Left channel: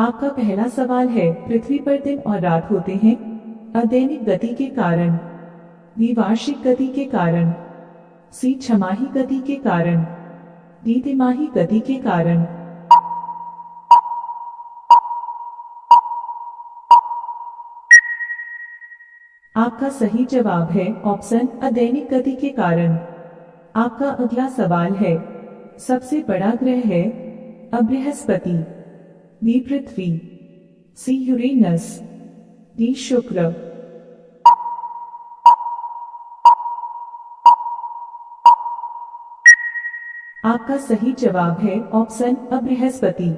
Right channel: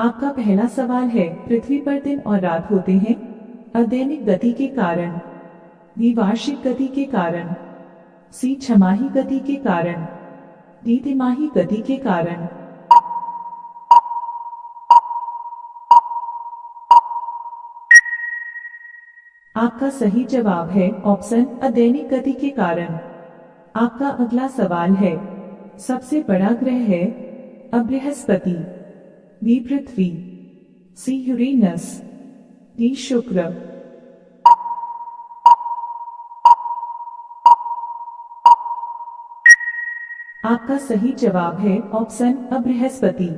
आपका पहला सवाल है, पृथ्वी पर दिन और रात होते हैं अदैनिक गति के कारण, बी वार्षिक गति के कारण, सी छमाही गति के कारण, डी तिमाही गति के कारण। आपका सही जवाब है ऑप्शन अदैनिक गति के कारण। आपका अगला सवाल है, सबसे बड़ा ग्रह है अ बृहस्पति, बी पृथ्वी, सी यूरेनस, डी शुक्र। आपका सही जवाब है ऑप्शन अ बृहस्पति।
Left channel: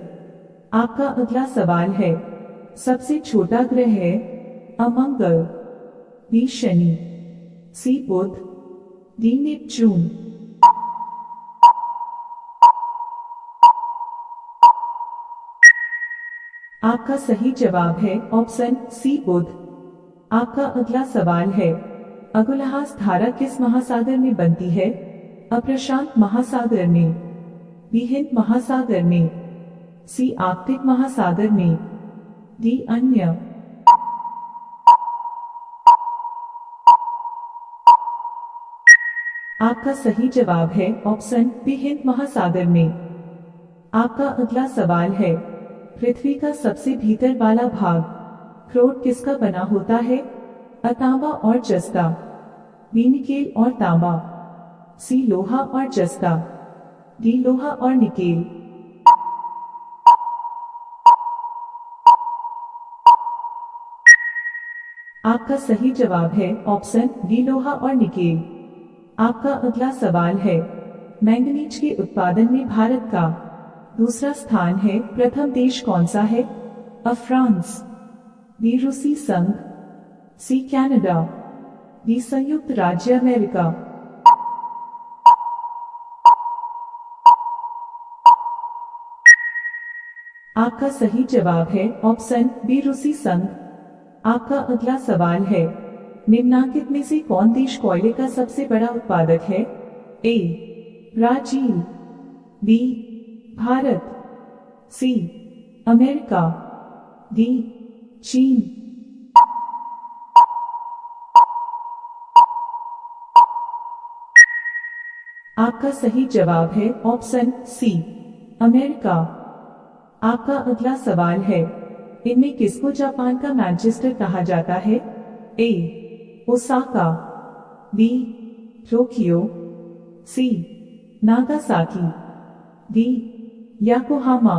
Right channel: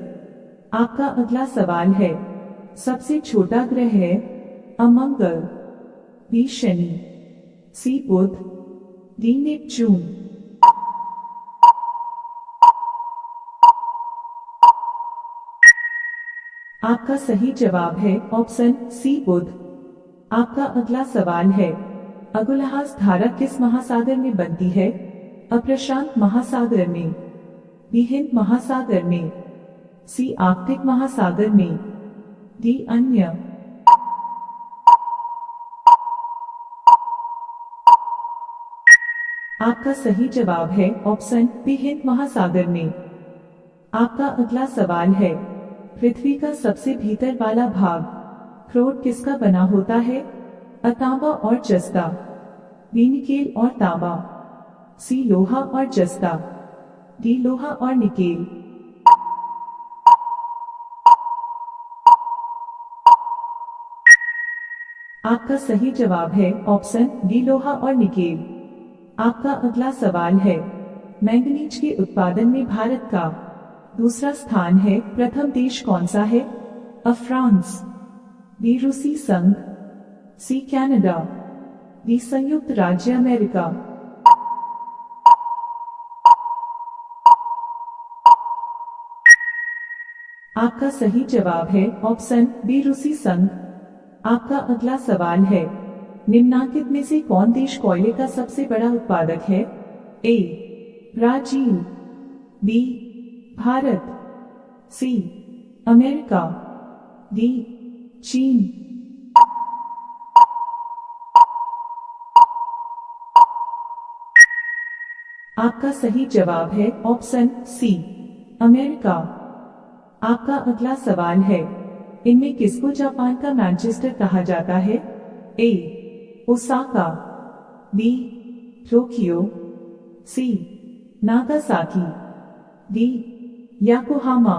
आपका अगला सवाल है, सबसे छोटा ग्रह है अ मंगल, बी शनि, सी बुध, डी नेपच्यून। आपका सही जवाब है ऑप्शन सी बुध। आपका अगला सवाल है, अगुलहास धारा किस महासागर में बनती है अ प्रशांत महासागर में, बी हिंद महासागर में, सी आर्कटिक महासागर में, डी अन्य। आपका सही जवाब है ऑप्शन बी हिंद महासागर में। आपका अगला सवाल है, पृथ्वी का सबसे भीतर वाला भाग क्रोट किसका बना होता है अ तांबा और जस्ता, बी निकेल और तांबा, सी लोहा और जस्ता, डी लोहा और निकेल। आपका सही जवाब है ऑप्शन डी लोहा और निकेल। आपका अगला सवाल है, मैंगनीज के उत्पादन में भारत का दूसरा स्थान है, प्रथम देश कौन सा है अ फ्रांस, बी रूसी संघ, सी कनाडा, डी संयुक्त राज्य अमेरिका। आपका सही जवाब है ऑप्शन बी रूसी संघ। आपका अगला सवाल है, निम्नांकित में से कौन देश कोयले का सबसे बड़ा उत्पादक है A Brazil, B Bharat, C America, D चीन। आपका सही जवाब है ऑप्शन सी अमेरिका। आपका अगला सवाल है, इनमें किसको जापान का मैनचेस्टर कहा जाता है ए ओसाका, बी टोक्यो, सी नागासाकी, डी याकोहामा।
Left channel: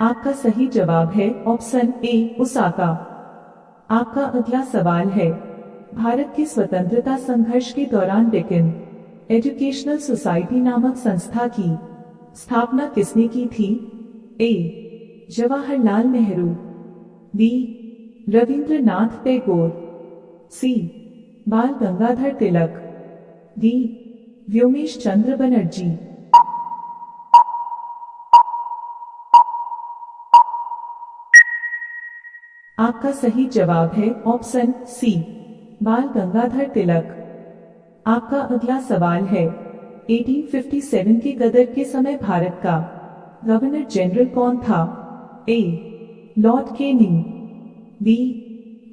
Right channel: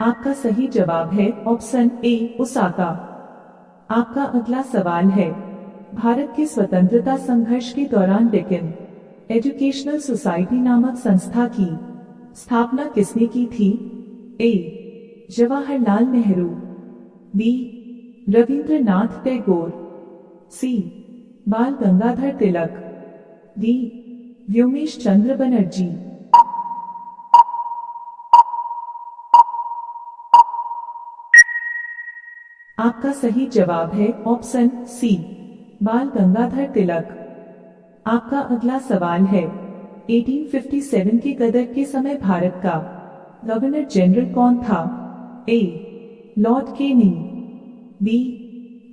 आपका सही जवाब है ऑप्शन ए ओसाका। आपका अगला सवाल है, भारत के स्वतंत्रता संघर्ष के दौरान डेक्कन एजुकेशनल सोसाइटी नामक संस्था की स्थापना किसने की थी ए जवाहरलाल नेहरू, बी रविंद्रनाथ टैगोर, सी बाल गंगाधर तिलक, डी व्योमेश चंद्र बनर्जी। आपका सही जवाब है ऑप्शन सी बाल गंगाधर तिलक। आपका अगला सवाल है, 1857 के गदर के समय भारत का गवर्नर जनरल कौन था A Lord Canning, B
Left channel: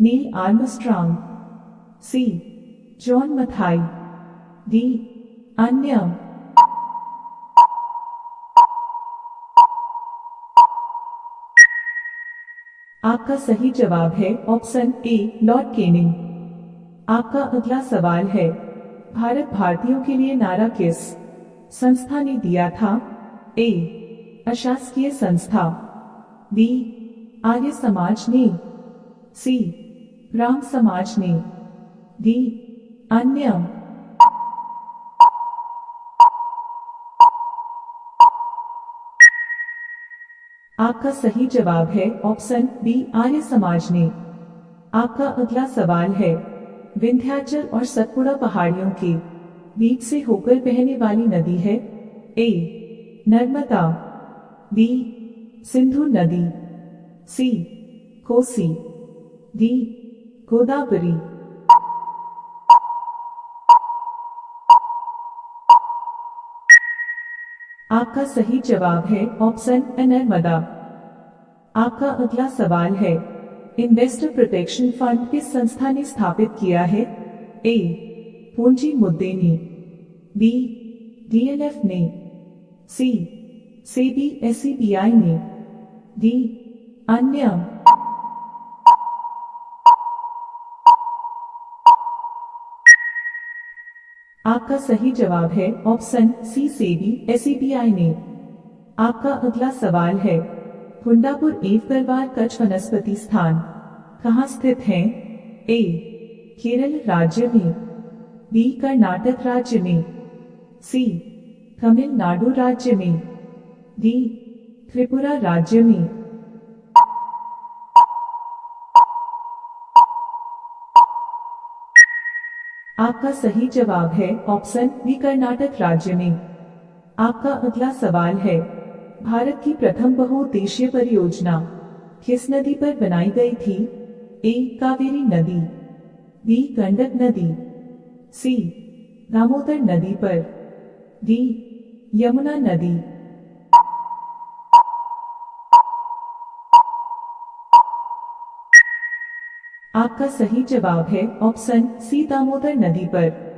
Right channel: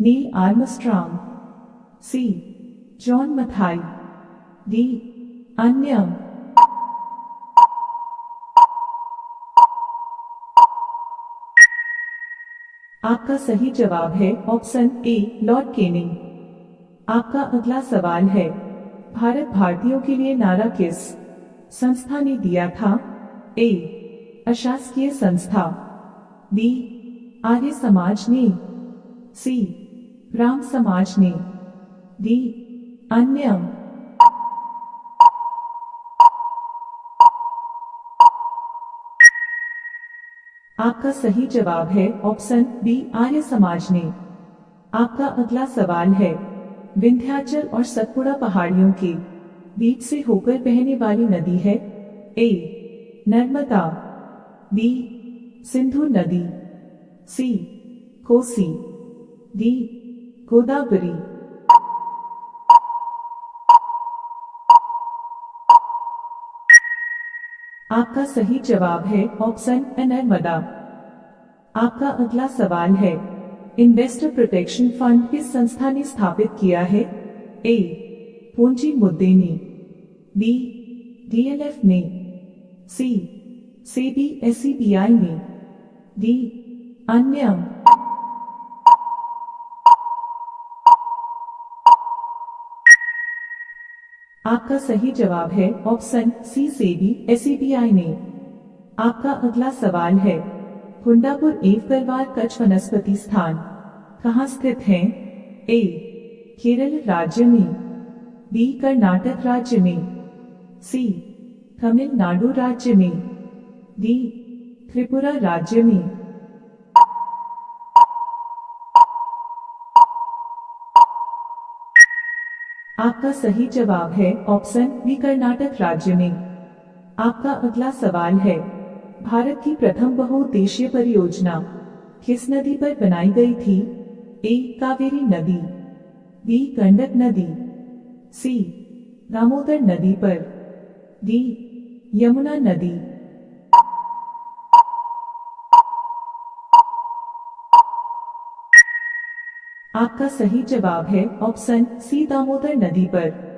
Neil Armstrong, C John Mathai, D अन्य। आपका सही जवाब है ऑप्शन ए लॉर्ड केनिंग। आपका अगला सवाल है, भारत भारतीयों के लिए नारा किस संस्था ने दिया था ए अशासकीय संस्था, बी आर्य समाज ने, सी ब्राह्म समाज ने, डी अन्य। आपका सही जवाब है ऑप्शन बी आर्य समाज ने। आपका अगला सवाल है, विंध्याचल और सतपुड़ा पहाड़ियों के बीच से होकर बहने वाली नदी है ए नर्मदा, बी सिंधु नदी, सी कोसी, डी गोदावरी। आपका सही जवाब है ऑप्शन ए नर्मदा। आपका अगला सवाल है, इन्वेस्टर प्रोटेक्शन फंड किस संस्था ने स्थापित किया है? ए पूंजी मुद्दे ने, बी डीएलएफ ने, सी सेबी एसईबीआई ने, डी अन्य। आपका सही जवाब है ऑप्शन सी सेबी एसईबीआई ने। आपका अगला सवाल है, कुंडापुर एवं गढ़वाल कच्छ वनस्पति स्थान कहाँ स्थित है? ए केरल राज्य में, बी कर्नाटक राज्य में, सी तमिलनाडु राज्य में, डी त्रिपुरा राज्य में। आपका सही जवाब है ऑप्शन बी कर्नाटक राज्य में। आपका अगला सवाल है, भारत की प्रथम बहुउद्देशीय परियोजना किस नदी पर बनाई गई थी? ए कावेरी नदी, बी गंडक नदी, सी दामोदर नदी पर, डी यमुना नदी। आपका सही जवाब है ऑप्शन सी दामोदर नदी पर।